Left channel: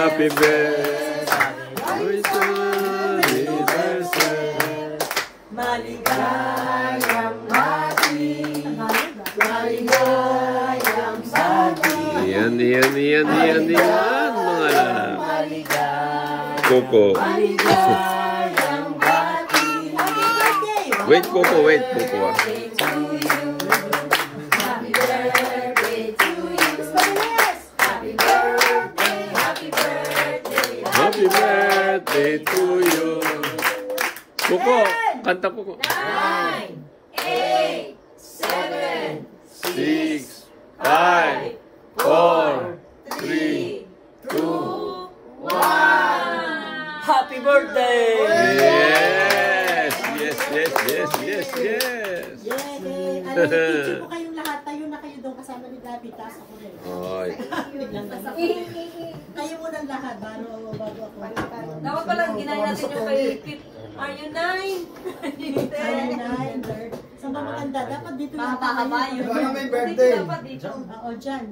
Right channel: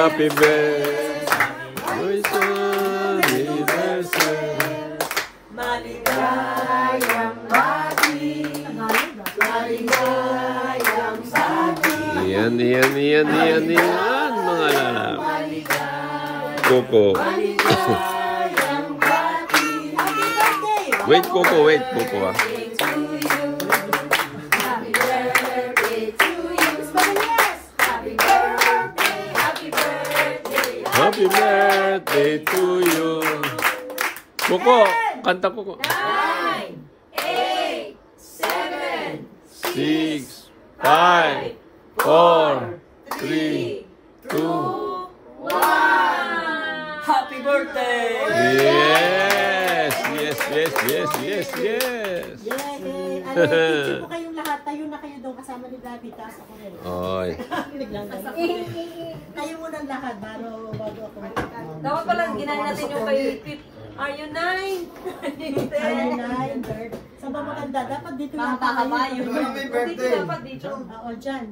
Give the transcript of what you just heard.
Happy birthday to you. Maligayang bati, maligayang bati. Yan, mga Coco. Maligayang bati. Wait, Coco, wait, Coco. Happy birthday to you. Happy birthday, happy birthday. Happy birthday to you. Coco, kanta Coco. 9, 8, 7, 6, 5, 4, 3, 2. 1. Happy birthday! Yay! Picture po kayong lahat. Tayo na kayo doon kasama ni Gabi. Taas ako rin. Oy. Biglang gano'n. Kayo muna lahat. Bago ako. Dapat palang ginahin natin yung kayo. Are you 9? Ayun na. Saan ba maganda? Dapat dito yung Baka tayo. kabayo. Baka may birthday. Dapat dito. Oo, dyan.